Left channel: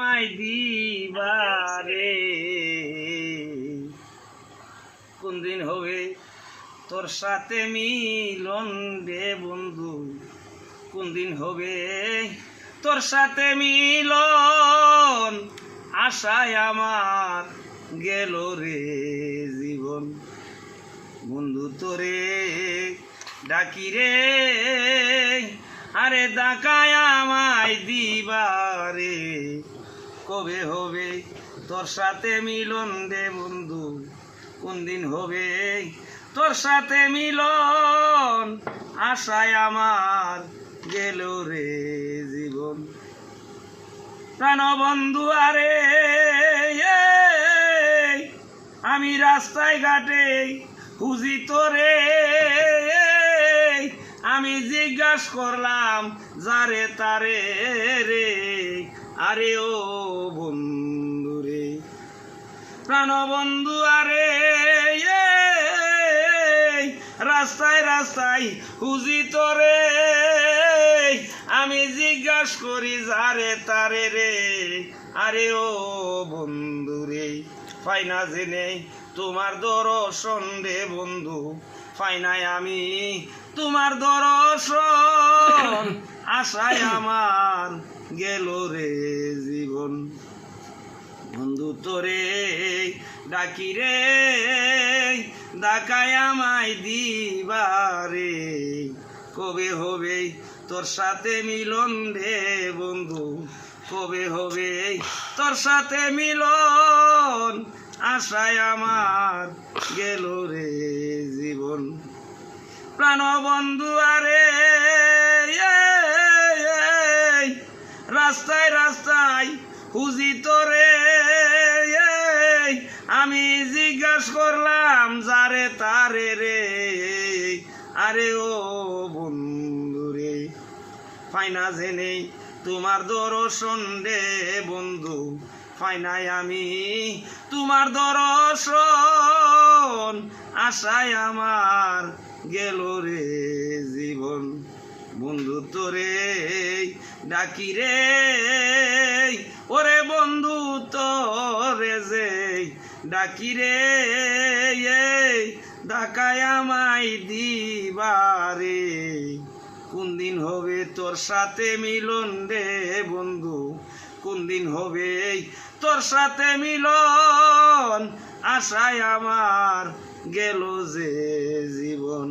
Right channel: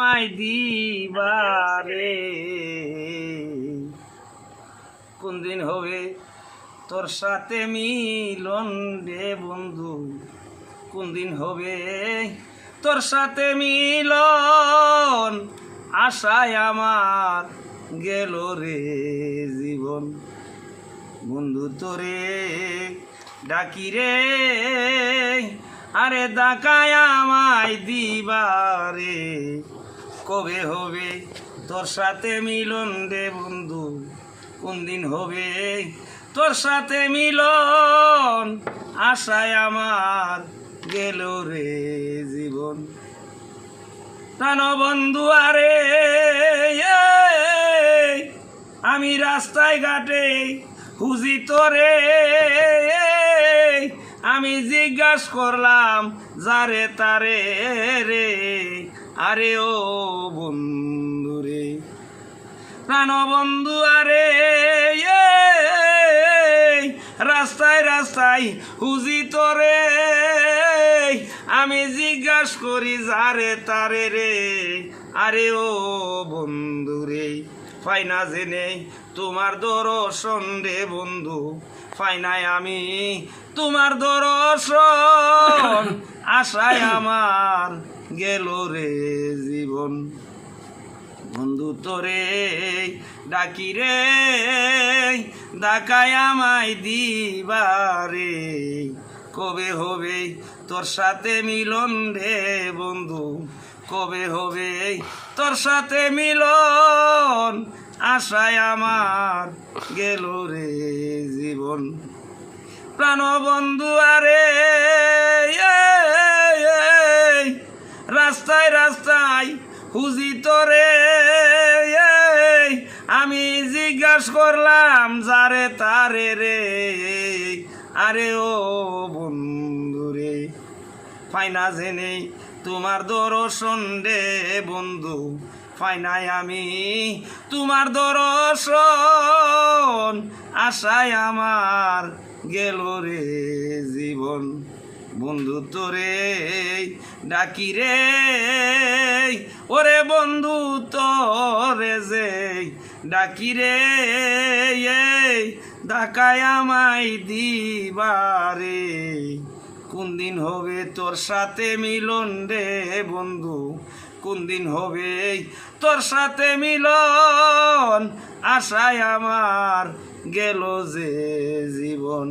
আমায় দিবারে কোন দিন হবে তোর সাথে মিলন রে বন্ধু, কোন দিন হবে তোর সাথে মিলন, আশায় আমার গেল রে জীবন। বন্ধু তোরে ডাকি রে, আরে ডাকায় আমায় দিবারে কবে হবে তোর সাথে মিলন রে বন্ধু, কোন দিন হবে তোর সাথে মিলন, আশায় আমার গেল রে জীবন। প্রাণ বন্ধু আরে আমি রাস্তায় ঘাটে খুঁজি তোরে, আমি জিজ্ঞাস করলাম যারে তারে রে, আরে ও বন্ধু রে প্রাণ বন্ধু আরে রাস্তায় রাস্তায় খুঁজি তোরে, আমি জিজ্ঞাস করি যারে তারে রে, আরে ও বন্ধু রে পাই না জেনে তোমার দর্শন রে বন্ধু, পাই নাই আমি তোমার দর্শন, আশায় আমার গেল রে জীবন। বন্ধু তোরে ডাকি রে, ডাকায় আমায় দিবারে কবে হবে তোর সাথে মিলন রে বন্ধু, কবে হবে তোর সাথে মিলন, আশায় আমার গেল রে জীবন। প্রাণ বন্ধু আরে রাস্তায় রাস্তায় খুঁজি তোরে, আমি জিজ্ঞাস করলাম যারে তারে রে, আরে ও বন্ধু রে পাই না জেনে তোমার দর্শন রে বন্ধু, পাই নাই আমি তোমার দর্শন, আশায় আমার গেল রে জীবন। বন্ধু তোরে ডাকি রে, ওরে বন্ধু তোরে যে ডাকি রে, ডাকায় আমায় দিবারে কোন দিন হবে তোর সাথে মিলন রে বন্ধু, কোন দিন হবে তোর সাথে মিলন, আশায় আমার গেল যে জীবন।